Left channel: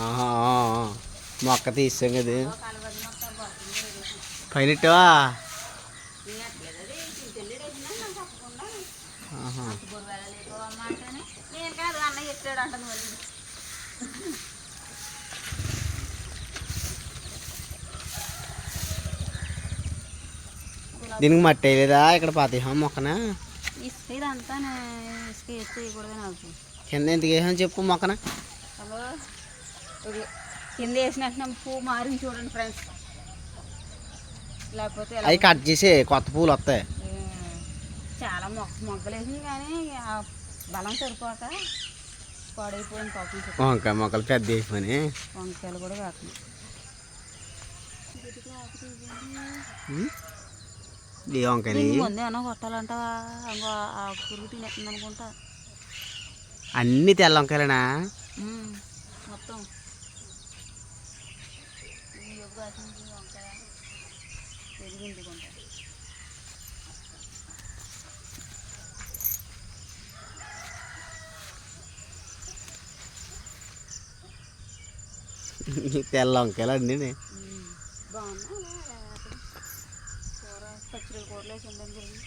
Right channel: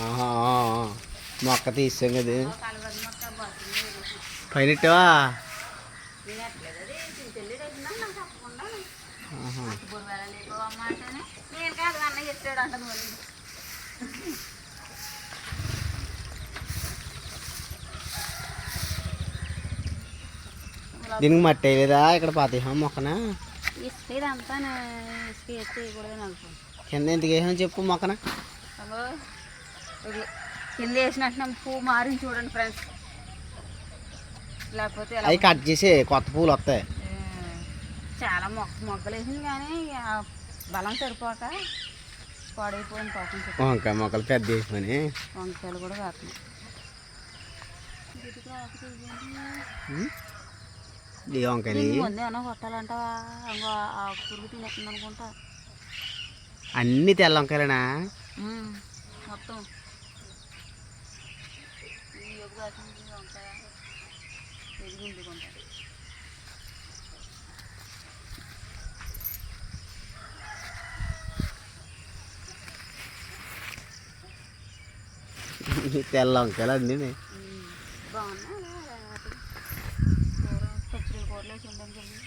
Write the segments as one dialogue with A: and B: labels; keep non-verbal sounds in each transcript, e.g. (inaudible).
A: ఆహా, మొక్క తీసాం కదా. పైన ఆహా. దీనికి మట్టి వేయలేదా? ఇక్కడ పాతేహం మొక్కన?
B: ఇస్తే ఇదంతా ఇసుక వేసి వేయకూడదు
A: కింద ఎందుకు వేసాం చెప్పు మొక్కన.
B: అబ్బో ఇదిగో కింద వేసినట్టు పువ్వు మారింది చూడండి ఫ్రెండ్స్ లేకపోతే ఎలా
A: అవి కట్ చేసి కొత్త పూలు వస్తాయి.
B: ఏ, చాలా మొక్క మొక్కలు వేసింది కానీ ఆ బలం సరిపోక పాడైపోయింది పాపం చెట్టు.
A: వంకాయ మొక్కలు పెద్ద వేసిపోయి
B: వంకాయలు కూడా వేస్తున్నాయి
A: ఈ వంకాయలు.
B: దీన్ని ముందే ఏమన్నా కొట్టాలంటావా? ఇంకో ఆ పురుగు తినేస్తుంది అనుకుంటా
A: అన్ని తెల్ల వంకాయలేనా
B: మొత్తం.
A: తెల్ల వంకాయలు
B: బాగున్నాయి పచ్చడి కూరలో ఉండడం జరిగింది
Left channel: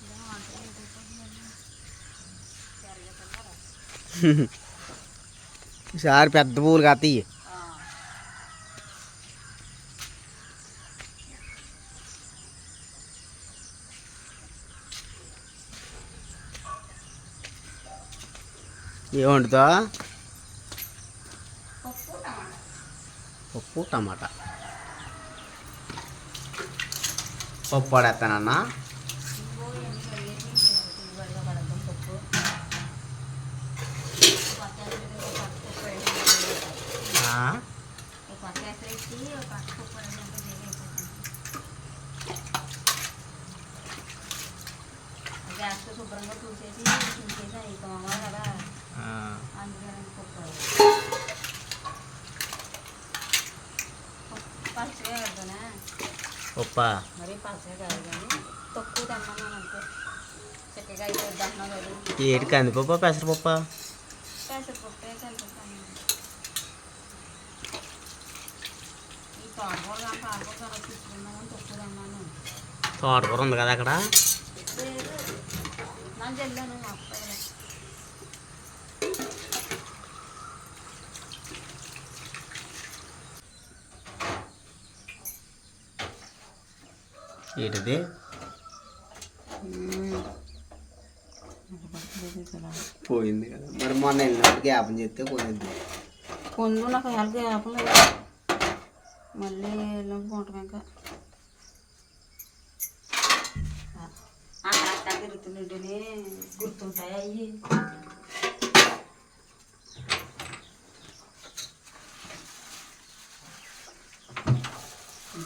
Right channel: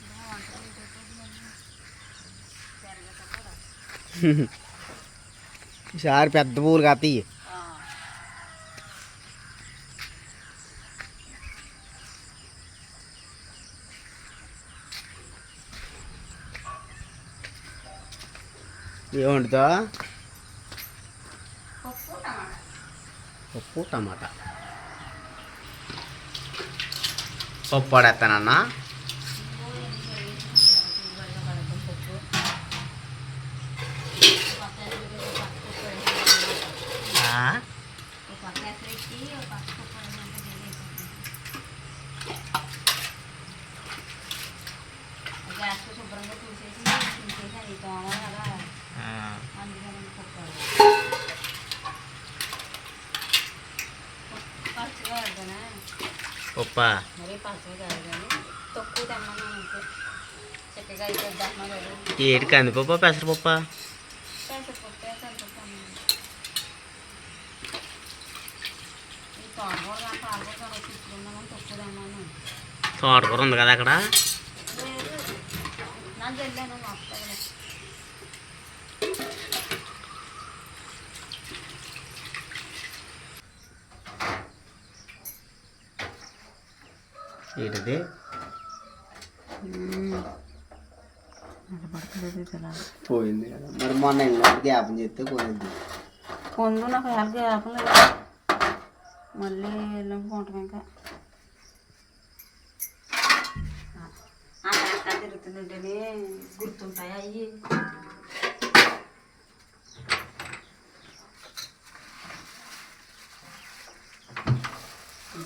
B: ఇలా వంటలు అయిపోతుంది పెరగటం కూడా
A: ఈసారి పెద్ద పూలు కాస్తాయి
B: ఆ.
A: ఏం వండుతా
B: పప్పు టమాటా.
A: పప్పు పడేస్తానన్నా
B: కదా
A: ఏటి కందిపప్ప పెసరపప్ప?
B: తోటకూర
A: ఉంది కదా అక్కడ
B: లేదు నన్ను వెళ్ళాను మా అత్తయ్య
A: ఏంటది పోయింది కదా. మరి మొన్న వెళ్ళినప్పుడు జ్ఞాపం చేస్తే పోయింది
B: కొండు నాకు హెల్ప్ లేదు. మళ్ళీ వెళ్ళినప్పుడు ఉంటాం ఇంకా.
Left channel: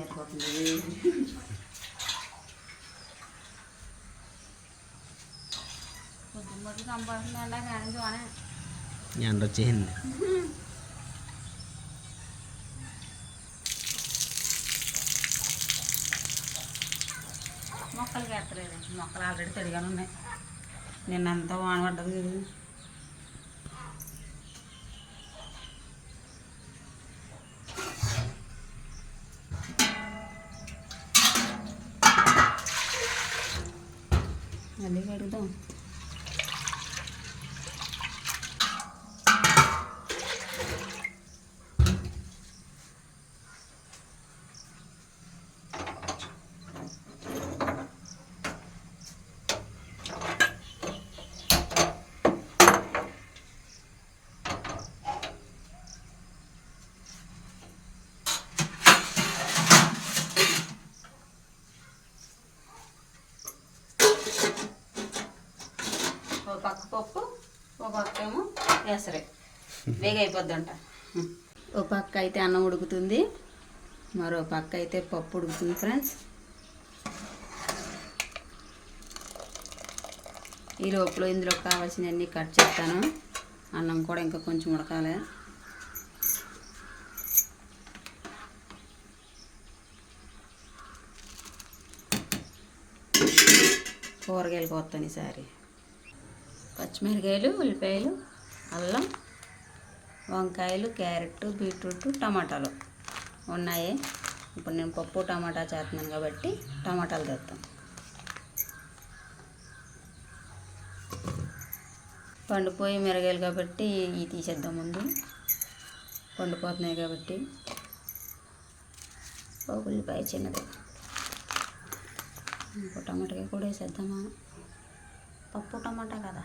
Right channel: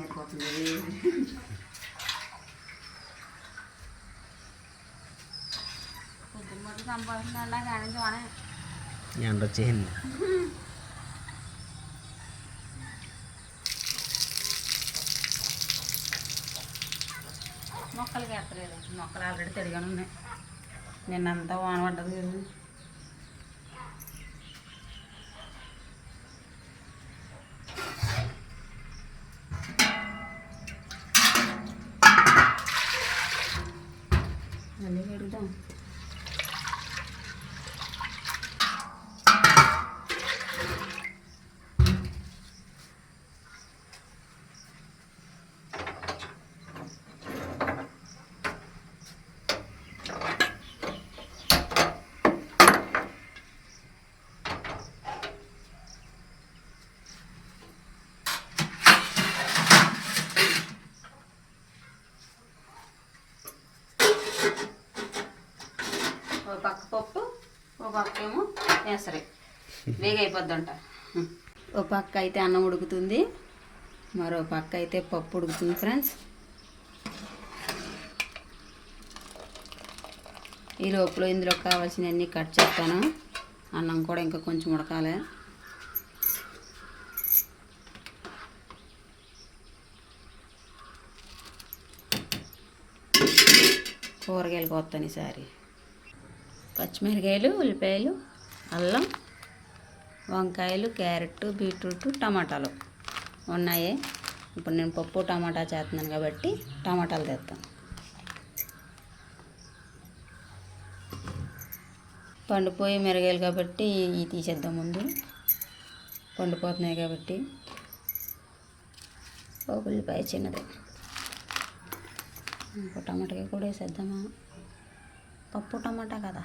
B: ఎత్తుకోతుంది పొద్దున్న మట్టి సంపాదించిన కానీ చూడ
A: ఎండ వచ్చేసింది
B: మొక్కలకి ఎత్తలేదు మొక్కలు ఆల్రెడీ తడిగానే ఉన్నాయి నిన్నంతా వాన పడ్డది పప్పు ఓ పక్క ఏమో ఎసరే వేగ అయిపోద్దంట ఓ పక్క అయితే అన్నం ఉడుకుతుంది. మరో పక్క అయితే పప్పు ఉడుకుతుంది ఫ్రెండ్స్. ఈ లోపల ఇందులో కావాల్సినవన్నీ కట్ చేస్తాను. అన్నం కూడా ఇంకా కొంచెం ఉడకాలి. కూరగాయలు కొత్తాను ఈసారి. పచ్చిమిరకాయలు ఉల్లిపాయలు అల్లం వంకాయలు క్యారెట్ బీట్రూట్ టమాటాలు ఉన్నాయి. ఇప్పుడు నేను పప్పు టమాటా చేస్తున్నాను కాబట్టి టమాటాలు తెస్తాను. పండిపోయి మిరగాయలు కాబట్టి ఇవి తీసేద్దాం ముందు. పండిపోతున్నాయి కాబట్టి ఒక ఉల్లిపాయ చిన్నది. ఇంకో టమాటాకి కూడా వేసేద్దామా? పప్పు టమాటా కదా.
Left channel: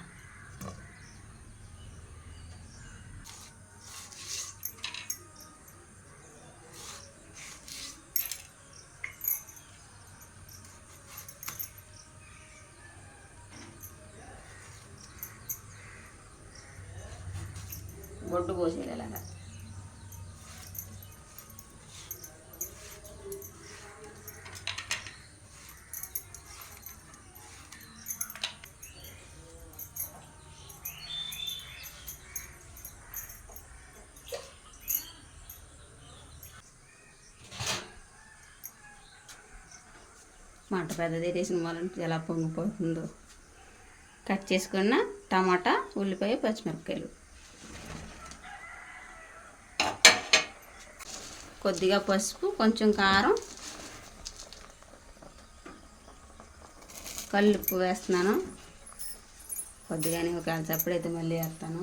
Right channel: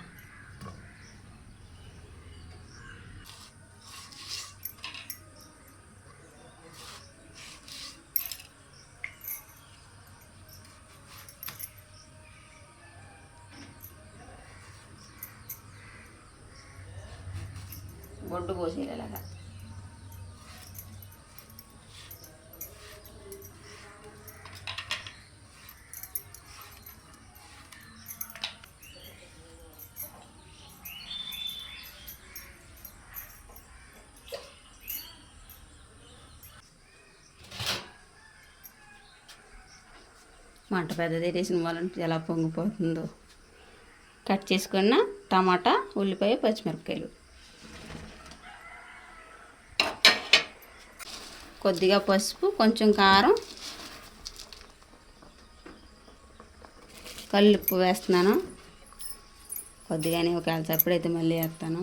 B: బొడ్డు పోసేది ఎలాగా మంట పెద్దది తీసిన వాళ్ళంటే ఎలా పొంగిపోతుందో. కట్ చేసుకున్న టమాటా ఉల్లిపాయ పచ్చిమిరపకాయలు. కొద్దిగా పసుపు కొంచెం కారం. కల్లుప్పు వేస్తున్నాను. కొద్దిగానే ఒక చప్పుడైతే మళ్ళీ వేస్తాను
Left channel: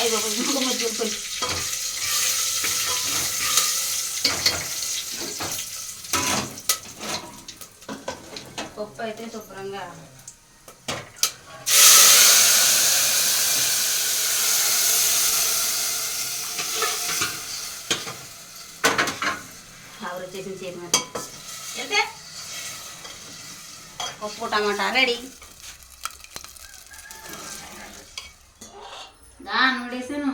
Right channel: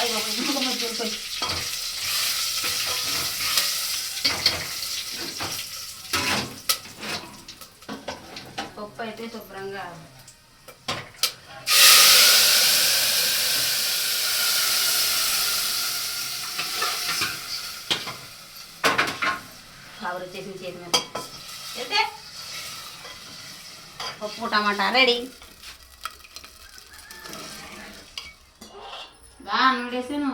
B: అయ్యి బాబోయ్, ఇంకొక మధ్య వెళ్ళిపోయి. పప్పు అయితే శుభ్రంగా కవర్ వచ్చేసి చేతి మీద. వెళ్తే? పప్పు టమాటా రెడీ. దా నూడేసాను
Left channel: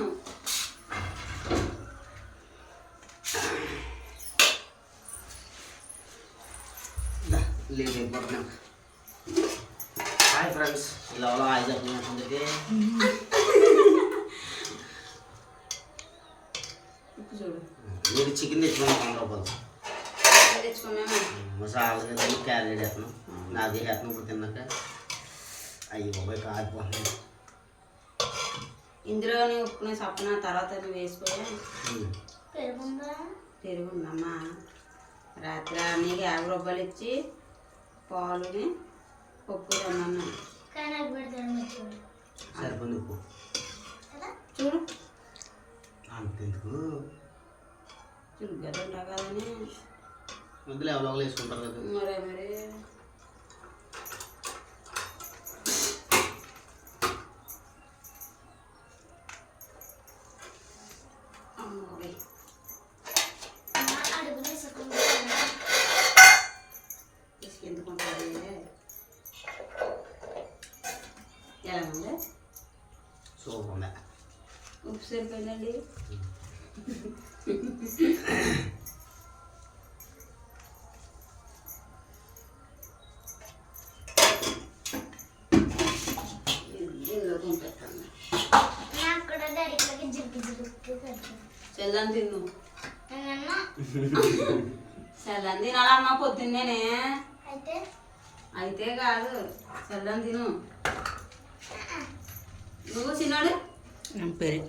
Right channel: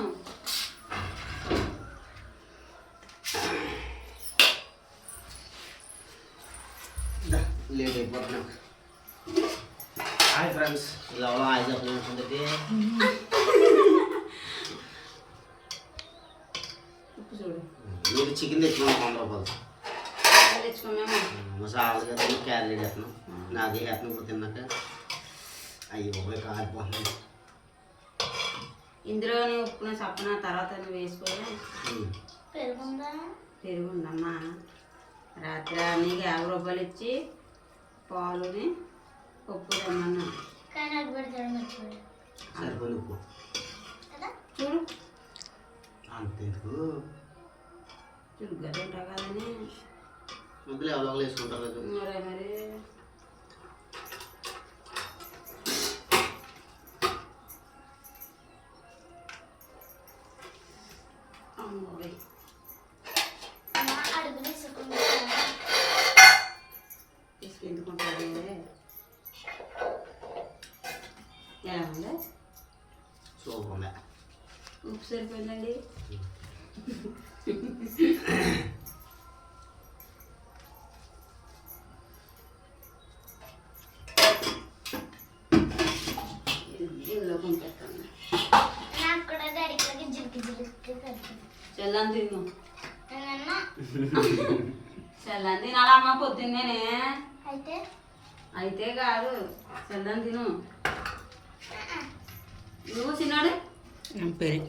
A: లేట్ అయిపోతున్నాం హాయ్ ఫ్రెండ్స్ ఇలా హాయ్ చెప్పండి మీరు చికెన్ తెచ్చుకున్నాం
B: తెచ్చుకున్నాము?
A: మసాలా క్యారెట్ వేస్తున్నాం నాది వేస్తున్నాం ఇప్పుడు తిన్నాక. అయ్యి బాబాయ్ కాలిపోతుంది
B: ఇందులోని ఉప్పున సప్పన తర్వాత
A: ఉమ్.
B: పెరుగుందమ్మా. రాత్రి నీకు యాభై రూపాయలు ఇచ్చి పాలుని పప్పు తెమ్మన్నా
A: సరిపోయింది ఉప్పు.
B: చూడు.
A: అంతెందుకు
B: చురుగ్గా ఉంటావు కదని.
A: ముద్దులు ఎవరో ఒకరు వేసుకుంటారు కదా.
B: మరే మరి. సరిపోయిందండి. చెల్లని తిన్ను చెల్లని తినాలమ్మా పొద్దున్నేనే.
C: అయితే?
B: అయితే కాదు చెల్లని తిను. నువ్వు చిన్నాడు?
D: పెరుగు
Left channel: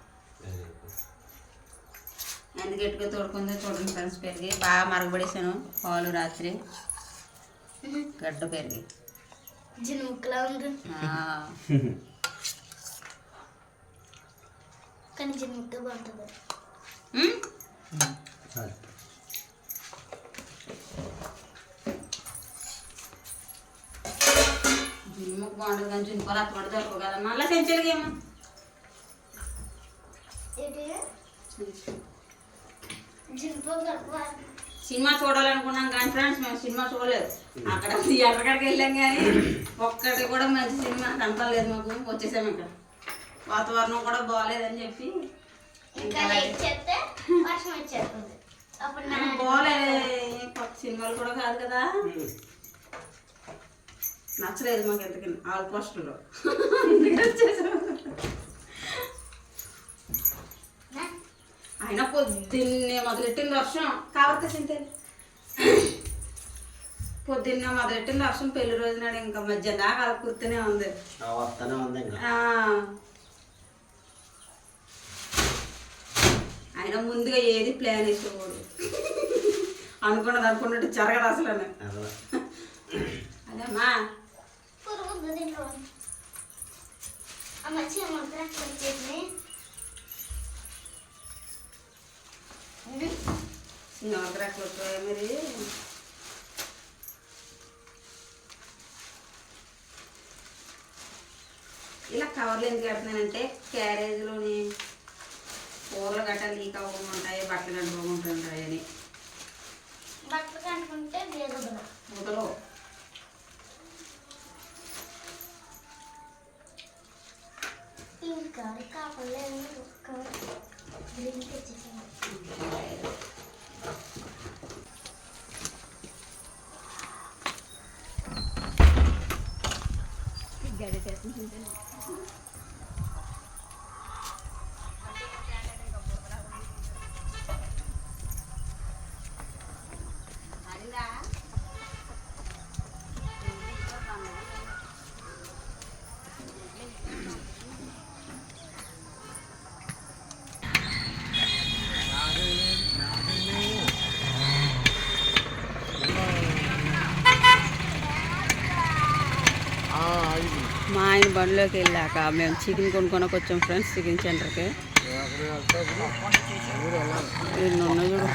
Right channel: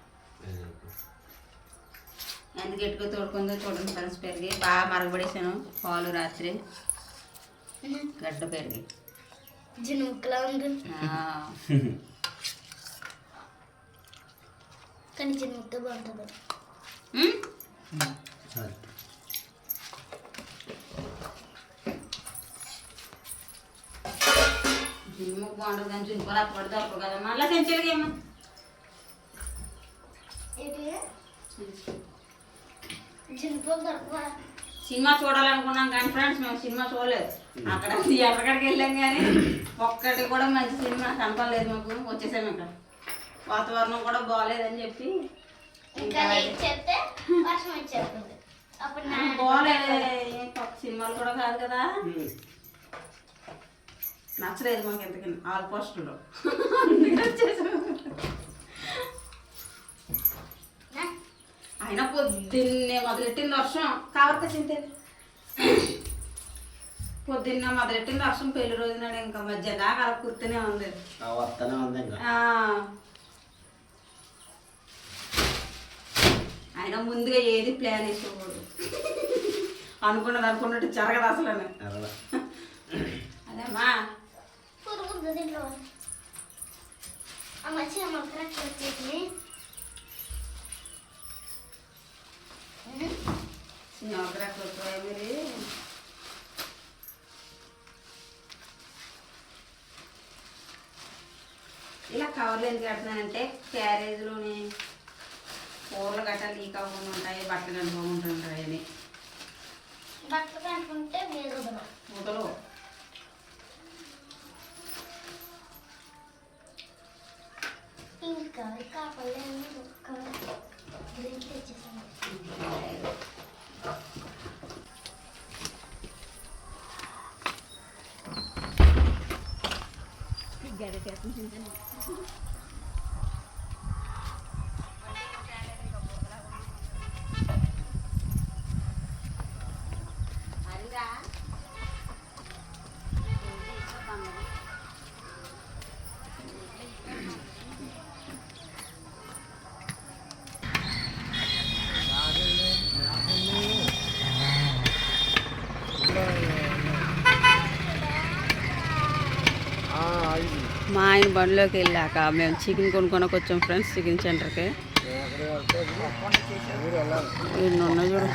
B: ఎంత గట్టిగా తోడుకుందో చూడండి ఫ్రెండ్స్ పెరిగి బాగా మరగబడేసాను పాలు రాత్రి. గడ్డ పెరిగి
C: జినుముక్కలా ఉంది.
B: ఆ,
C: కానీ జినుముక్క బాగుంటుంది.
B: సినిమా చూడాలనుకున్నాం కానీ ఫ్రెండ్స్ మేము సినిమా చూడలేదు. అక్కడ ఎక్కడికి వెళ్ళాం కానీ ఒక్కటి కూడా మంచి సినిమా కనపడలేదు మాకు. వచ్చేసాం ఇక్కడ. వాతావరణం కూడా బాగాలేదని చెప్పి ఏం కొత్త సినిమాలు కూడా కాదు కదా. నచ్చలేదు మాకు ఎంతకని ఆల్ పోస్టులో (laughs) అయినా పొద్దున్నే మొదలెట్టింది వర్షం. కాబట్టి చింతే పొద్దున్నే మొదలెట్టింది వర్షం పెళ్ళి రోజు నాడు ఇంకా మధ్య దాకా అలా కూర్తూనే ఉంది.
A: వస్తూనే ఉంది ఇంకా.
B: ఆ. అయినా ముందుగా ఏది ప్లాన్ వేసుకోకూడదు. అనుకున్నది అనుకున్నట్టు జరగదు అసలు.
A: అలా
B: అదేమ్మా?
C: అమ్మ
B: సింహాగ్రహం వచ్చాయి మరి ఇలా కవర్లు ఎందుకు కడుతున్నానంటే క్యారేజ్లోని కూరలు గట్రా లీక్ అవ్వకుండా ఉంటాయి బట్టలు కట్టుకోకుండా ఉంటాయని
C: బట్టలు కనుకుంటే వేగదు
B: బండిలోకి వెళ్ళాక మేము చికెన్ కొనుక్కొనకు వచ్చాం ఫ్రెండ్స్ చికెన్ సెంటర్కి ఎన్ని ఉన్నాయి చూడు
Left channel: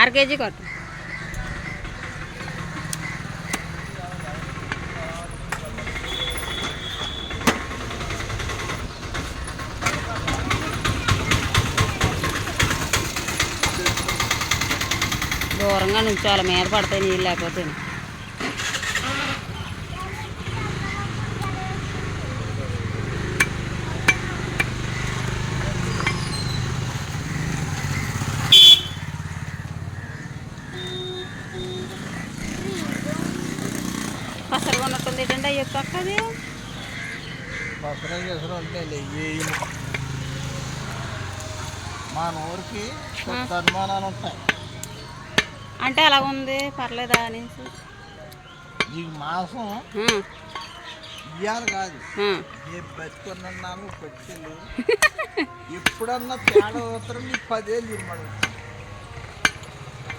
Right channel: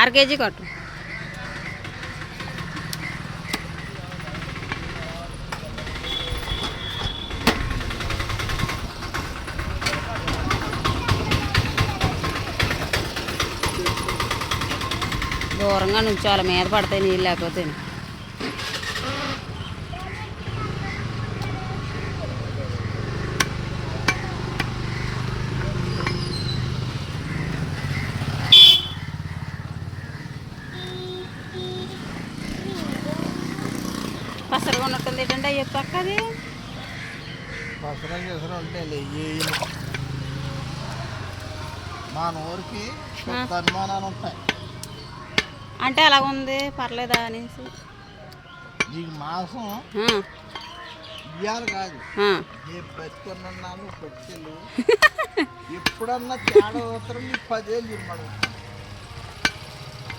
B: అర కేజీ కొట్టు దూరంగా నుంచి వాళ్ళ మీద పడతాయి నీళ్ళు లేకపోతే. పసరుగా ఉన్నట్టుంది ఏంటంటే అయ్యో పక్కది?
D: పసరం చేసరం అంటే వేయను మా నోరుకి అనుమానాలు ఉంటాయి.
B: అంటే అలా ఉంది పర్లేదా అనేసి.
D: నీకు మాసం ఇయ్యాలి కాదు. బతుకున్నాను పట్టుకెళ్ళు (laughs) ఎప్పుడన్నా తేడా ఉత్తరం నీకు పదేళ్ళు ఇమ్మడు.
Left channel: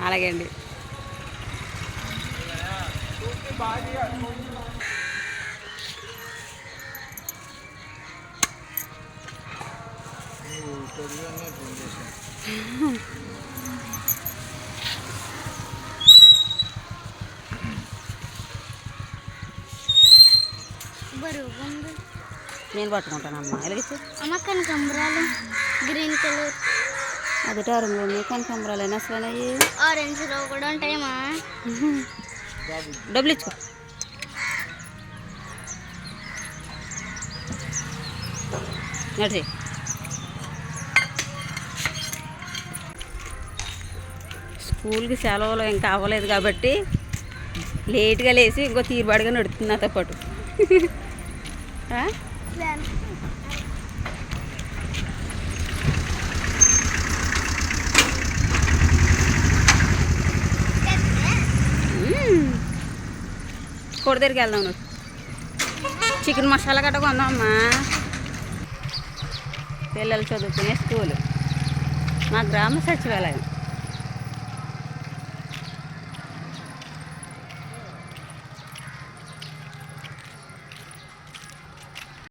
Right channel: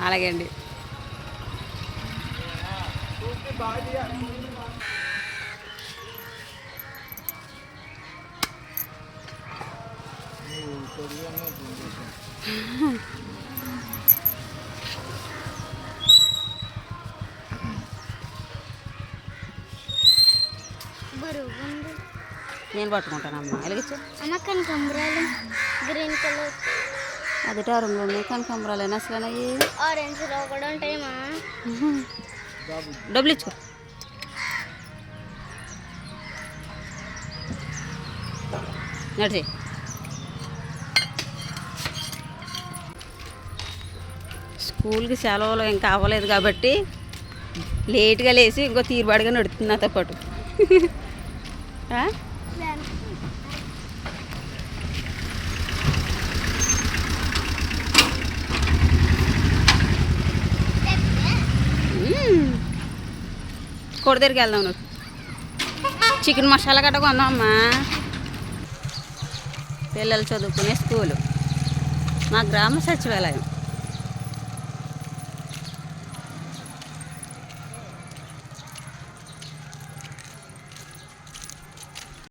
B: అలాగే అండి.
D: నువ్వు (laughs)
B: నేను పట్టుకుంటానమ్మా. ఎలాగే
C: అమ్మ కనకాంబరాలు గ్రీన్ కలర్.
B: అది టారంలో ఉన్నాయి. కనకాంబరాలు అయినా
C: అసలు ఆరెంజ్లో కూడా ఉంటాయమ్మా.
B: డబ్బులు ఇచ్చుకో. నడి స్కూల్కి సెలవులు ఇంకా అవ్వలేదు కాబట్టి లేట్గా లేచి ఇంకో తీరుబాటుగా నడుతుంది నాతో పాటు Hmm. కోడి దగ్గరికి వెళ్దాం నువ్వు. చికెన్ మసాలా గట్ట కొందాం అమ్మా పిల్లలు చదువుకునే స్కూలు. మా గ్రామ సచివాలయం.